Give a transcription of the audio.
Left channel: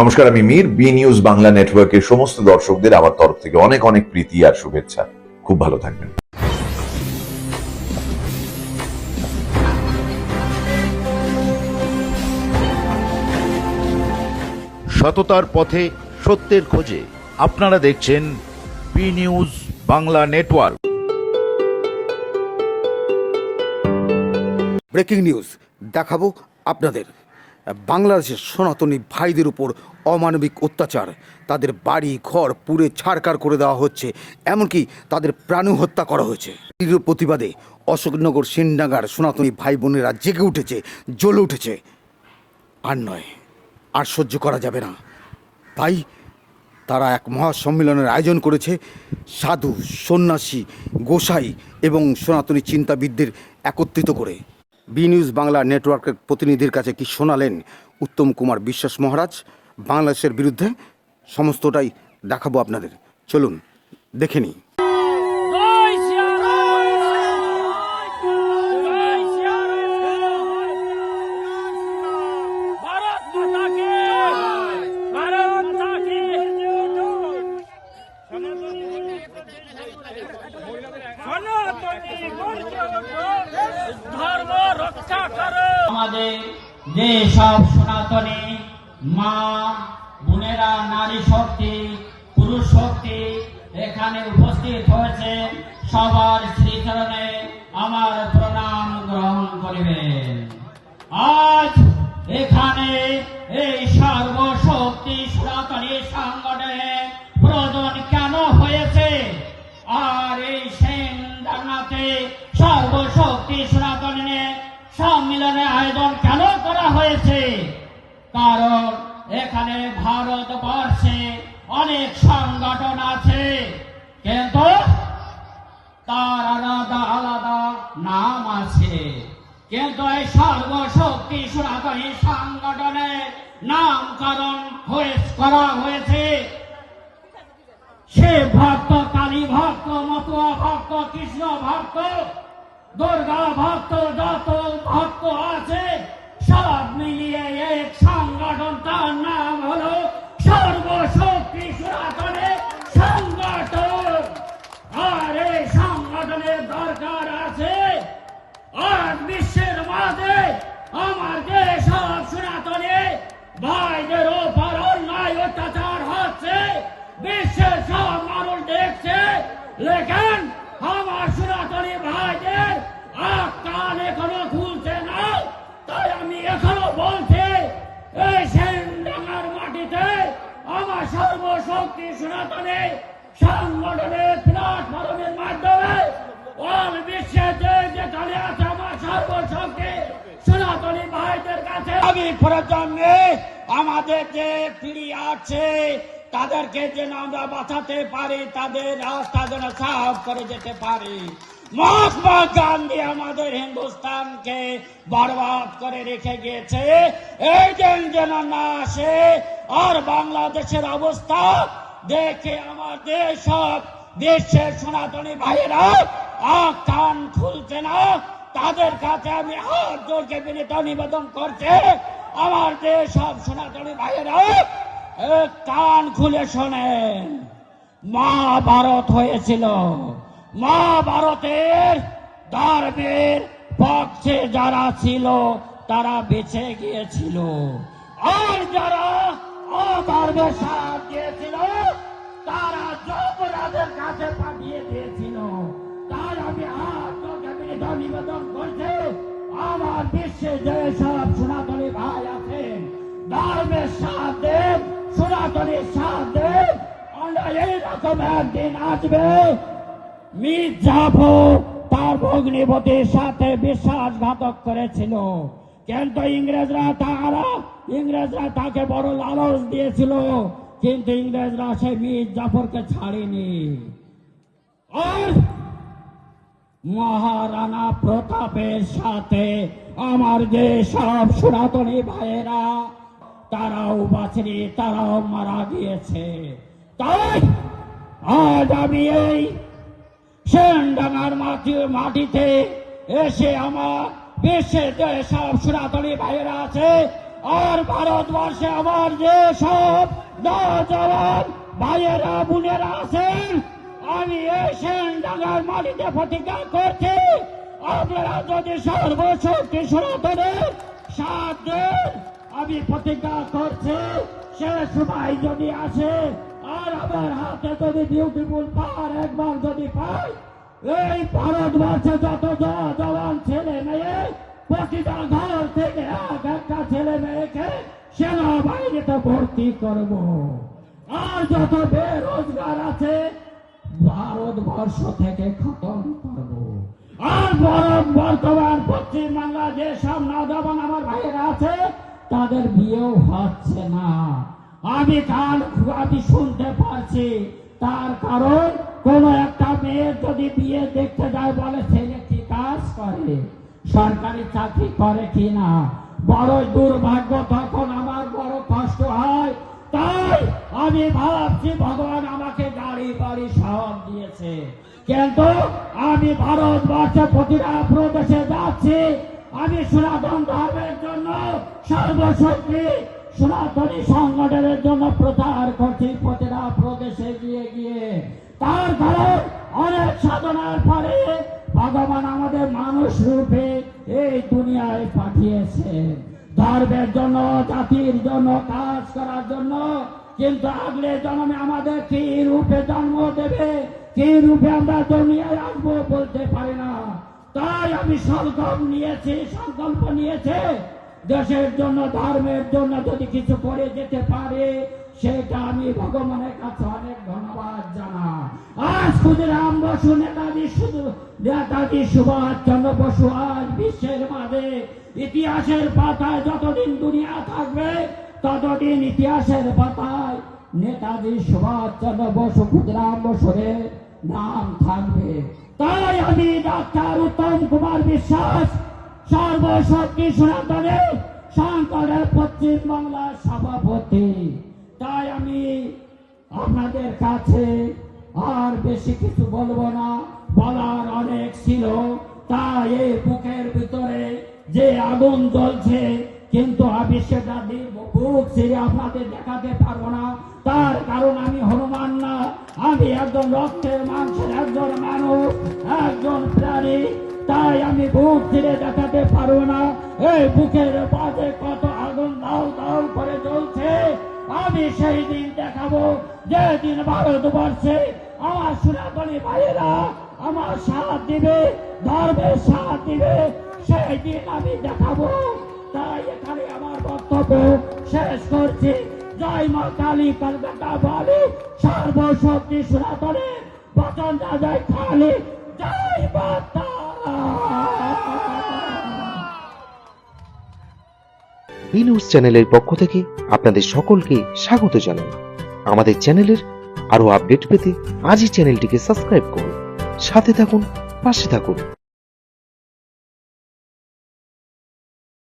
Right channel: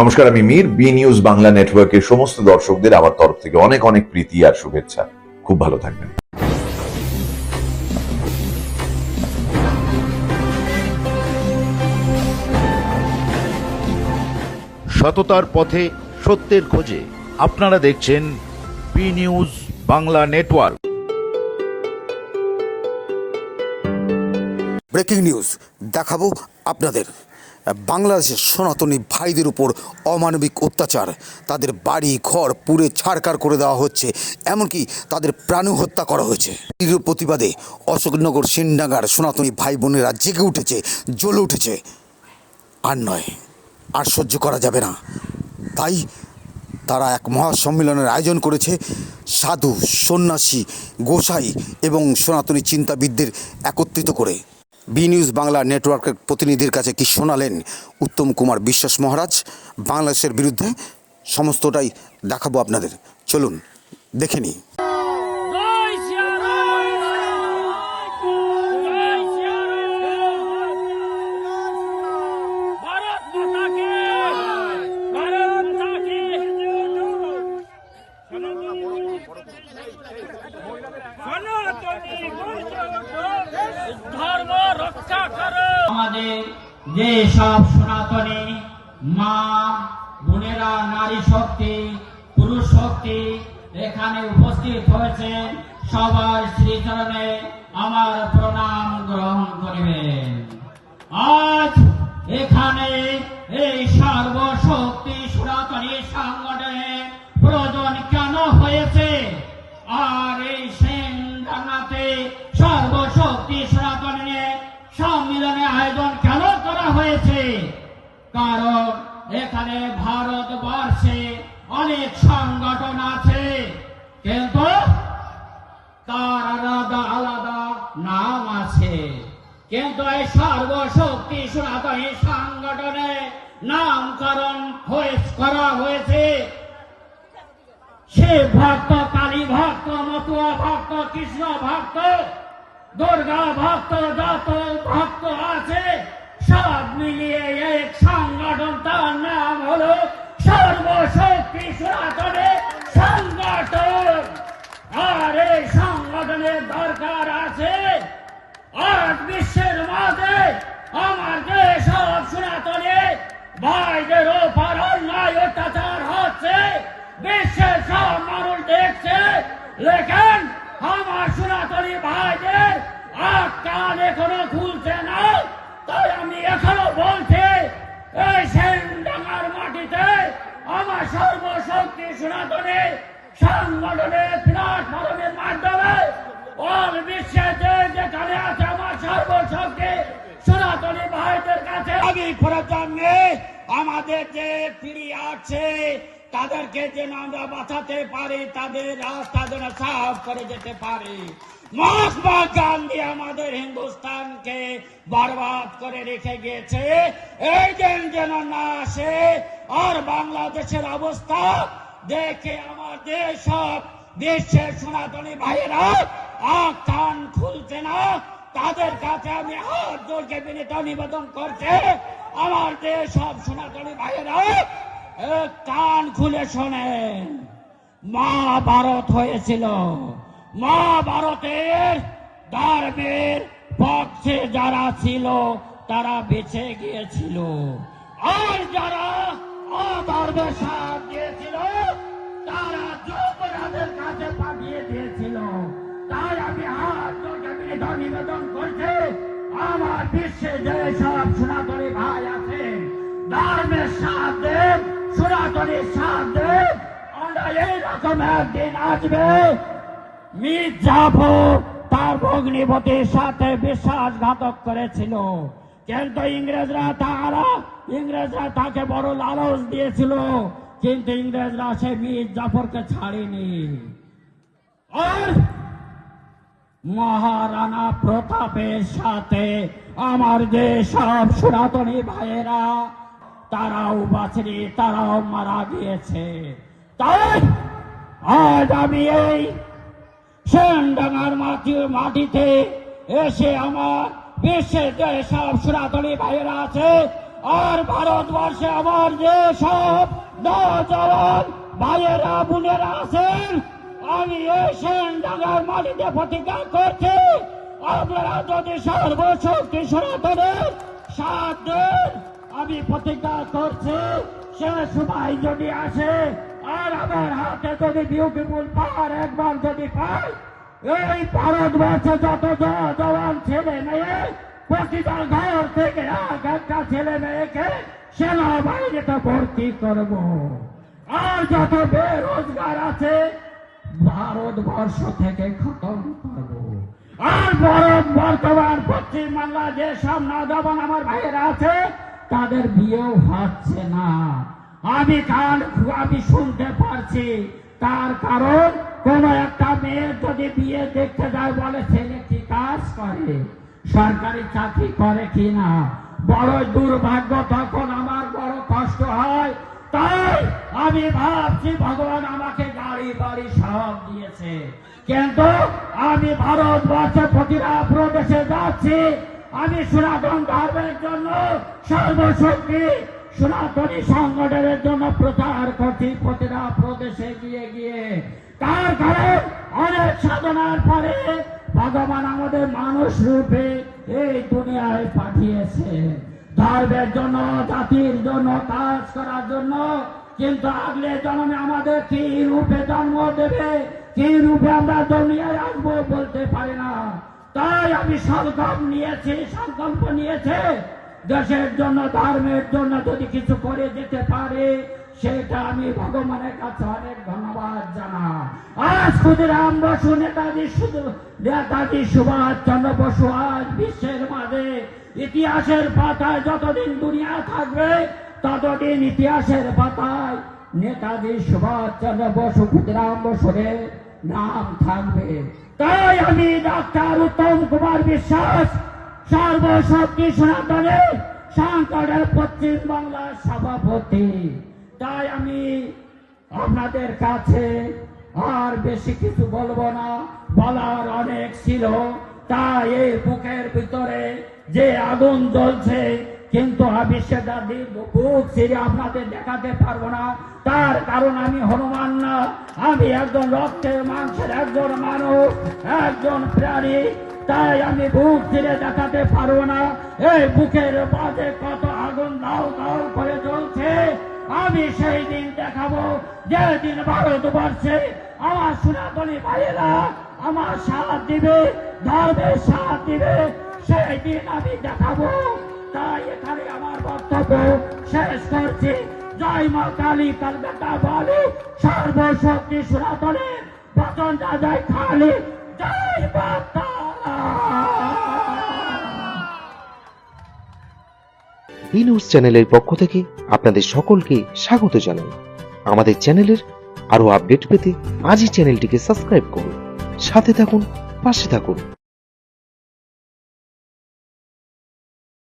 নমস্কার, আমি Mir. B news Bangla নেটওয়ার্কের সমস্ত দর্শকদের আমার তরফ থেকে অনেক অনেক প্রীতি আর শুভেচ্ছা। খুব ভালো থাকবেন। সততার পথে সত্যের খোঁজে আপনারা দেখছেন B news Bangla network. Breaking news দেখাবো আপনাদের। বাংলাদেশের সনাতনী ভাইদের উপর অমানবিক অত্যাচার, তাদের বাড়ি ঘর পুড়ে ছাড়খাড় করে দেওয়া হচ্ছে, এমনকি তাদের প্রাণ হত্যা করা হয়েছে। তীব্র প্রতিবাদে অশোকনগর সিন্ডাঙ্গার সনাতনী ভাই বোনেরা জেগে উঠেছে, জ্বলে উঠেছে। আর নয়, আর সহ্য করা যাবে না। তাই তারা এক মহাসম্মেলনের আয়োজন করেছে। সাধু, সন্ন্যাসী, গোসাই এবং সনাতনী চিন্তাবিদদের একত্রিত করে। বি নিউজ বাংলা নেটওয়ার্কের প্রতিনিধির কাছে কি শোনালেন উত্তম কুমার বিশ্বাস মহারাজ বাংলাদেশের বিরুদ্ধে, সমস্তটাই দেখাবো আপনাদের। চলুন দেখে নিই। ধর্ম রক্ষা করো। আমাদের যে সব সনাতনী মা বোনেরা, নারী শক্তি, পুরুষ শক্তি এখানে উপস্থিত হয়েছেন, সবার শ্রীচরণে আমার প্রণাম গ্রহণ করিবেন। আজ এখানে এই সর্বশক্তি সনাতনী সংগঠনের প্রয়োজন কেন হয়েছে, আর এই সেনডাঙ্গাতে সর্বশক্তি সনাতনের সম্মেলনের আয়োজন কেন করা হয়েছে? কারণ এখানে ভারতবর্ষে অনেক সংগঠন আছে, কিন্তু তার আলাদা আলাদা নাম আছে। কিন্তু এই সর্বশক্তি সনাতনী সংগঠনের নামকরণ করা হয়েছে শিব ভক্ত, কালী ভক্ত, মতুয়া ভক্ত, কৃষ্ণ ভক্ত, দুর্গা ভক্ত, যত ভক্ত আছে সব মিলিয়ে এক সংগঠন, তার নাম হলো সর্বশক্তি সনাতনী সংগঠন। আর এই সংগঠনের দরকার আছে। আজ বিশ্বের মাঝে আমার যে সব সনাতনী ভাইদের ওপর অন্যায় অত্যাচার হচ্ছে, বিশ্বের সব মানুষ দেখছে, লেকিন আমার সনাতনী ভাইদের কান এখনো খুলছে না। তাই আমি এখনো বলছি, এই সেনডাঙ্গার মাটিতে আমার সর্বশক্তি সনাতনী সংগঠনের প্ল্যাটফর্মের মাধ্যমে অল বিশ্বে যেখানে আছে আমার সর্বশক্তি সনাতনী ভাইদের কাছে আগামী প্রজন্মে আমাদের যে ফিরিয়ে আছে তাদেরকে যেন আমরা বাঁচাতে পারি, তাদের রাস্তা যেন সাফ করে যেতে পারি। মহাত্মা গান্ধী আমাদের হিন্দুস্তানকে বরবাদ করে রেখে গিয়েছে, এই দিন যেন না আসে। আর বাংলাদেশের অবস্থা দেখে আমাদের সব দেশের সনাতনী ভাইয়েরা কান খুলছে না। তাদের কাছে আমি হাত জোড়কে বিনীত নিবেদন করছি, আমার দেশ সব সনাতনী ভাইয়েরা কান খুলে শোনেন। মহাভারত হয়েছিল, মহাভারতের ধর্মের পক্ষে যারা ছিল তারা বেঁচে গিয়েছিল, আর যারা অধর্মের সাথ দিয়েছিল তারা যমরাজের কাছে পাঠিয়ে দিয়েছিল। তাই আমি হাত নিবেদন করছি, আমার বিশ্বে যে সব সনাতনী ভাই আছে ধর্মের সাথ দেব, সনাতনীর সাথ দেব। আমরা এইরকম একদিন আসবে, মীর জাফর তার ভগ্নিপতির সাথে বিশ্বাসঘাতক করেছিল, কিন্তু ইংরেজরা তাকে বড় লালচ দিয়েছিল, কিন্তু ইংরেজরা সে মীর জাফরকে ছাড়েনি। আর মহারানা প্রতাপের সাথে আমার যে সব সনাতনী ভাইয়েরা তারাও বাঁচেনি, তারাও মারা গিয়েছে। তাই আজ আমি এই সেনডাঙ্গার মাটিতে এসে আমার বিশ্বের যে সব সনাতনী ভাইয়েরা আছে আর ভারতবর্ষে আমার যে সব নওজওয়ান ভাইয়েরা বোনেরা আছেন, আমি এই সেনডাঙ্গার মাটিতে প্রতিজ্ঞা করছি, আপনারা যদি সর্বশক্তি সনাতনের সাথ দেন, আমি প্রতিজ্ঞা করছি সে সময় যদি আসে আর আমার হাতে যদি বিউটিফুল পাহাড় একবার যদি পাই, এই ভারতবর্ষে যত জওয়ান ছেলে মেয়ে প্রতিটা ঘর থেকে এক একটা ছেলে মেয়েকে সেনাবাহিনীতে ভর্তি করব। আর যত বেরোজগার আছে ভারতবর্ষ থেকে খতম করব। আর বর্তমান পশ্চিম বাংলা যে সব নওজওয়ান আমার ভাইয়েরা আছে তাদের বিয়েও হচ্ছে না। আমি শুনতে পারছি, তার কারণ কোন একটা মেয়ের যদি বিয়ে দেখতে যায় বলে ছেলে কি কাজ করে, সরকারি চাকরি করে কিনা। বড় দুর্ভাগ্য, তখন আমার বড় কষ্ট হয়। তাই আমি ভাবছি ভগবান আমাকে গাড়ি বাড়ি সব দিয়েছে, কিন্তু আমি ভারতবর্ষে প্রতিটা প্রদেশে যাচ্ছি। আমি সনাতন ধর্মের জন্য সর্বশক্তি সনাতনী সংগঠনের জন্য প্রচার করছি প্রতিটা প্রদেশে গিয়ে গিয়ে। তার কারণ অনেক সাধনার পরে ভগবান আমাদের মানুষ রূপে এই দুনিয়ায় পাঠিয়েছে ধর্মের জন্য, জাতির জন্য, কাজ করার জন্য। কিন্তু আগলে জন্মে আমাদের কি রূপে জন্ম দেবে, কি রূপে আমরা দুনিয়ায় আসবো বলতে পারি না। তাই আমি সংকল্প নিয়েছে দেশের জন্য, ধর্মের জন্য যদি কিছু করে যেতে পারে সেটা আমি ভগবানের কাছে অনেক ধন্যবাদ জানাই। আজ ক্ষুদিরাম বসু, নেতাজি সুভাষ চন্দ্র বসু আজ বিশ্বের মাঝে ইতিহাসের পাতায় যতদিন দুনিয়া থাকবে ততদিন ইতিহাসের পাতায় নেতাজি সুভাষ চন্দ্র বসু, ক্ষুদিরাম বসুরের নাম থাকবে। তাই আমি ডাক্তার উত্তম কুমার বিশ্বাস, সর্বশক্তি সনাতনের সংগঠনের পশ্চিম বাংলার সভাপতি। তাই আমি আপনাদের কাছে আর বেশি কিছু বলবো না, বলার অনেক ছিল। তাই এই বুকের ভিতরে যে আগুন জ্বলছে, কিন্তু আমি সেটা বুক ছিঁড়ে আপনাদের দেখাতে পারবো না। তার কারণ আমি হনুমান না, আমি একজন রক্তের মাংসের একজন মানুষ, একজন প্রাণী। তাই আমি বুক ছিঁড়ে দেখাতে পারবো না। এই বুকের মাঝে কত আগুন দাও দাও করে জ্বলছে, আমি সেই দিন দেখাবো যেদিন ভারতবর্ষে আমার সনাতনী ভাইয়েরা আমার সাথ দিবে, ধর্মের সাথ দিবে, সেই দিন আমি দেখাবো। তাই এখানে আমার বক্তব্য শেষ করছি। জয় মা কালী, কলকাতা বলে সর্বশক্তি সনাতনের বচন জয় কালী, জয় মাতা। বি নিউজ চ্যানেলের পক্ষ থেকে আপনাদের সকলকে স্বাগত জানাই। আমাদের চ্যানেলের আরো আপডেট পেতে আজই চ্যানেলটিকে সাবস্ক্রাইব করুন, সাথে থাকুন, পাশে থাকুন।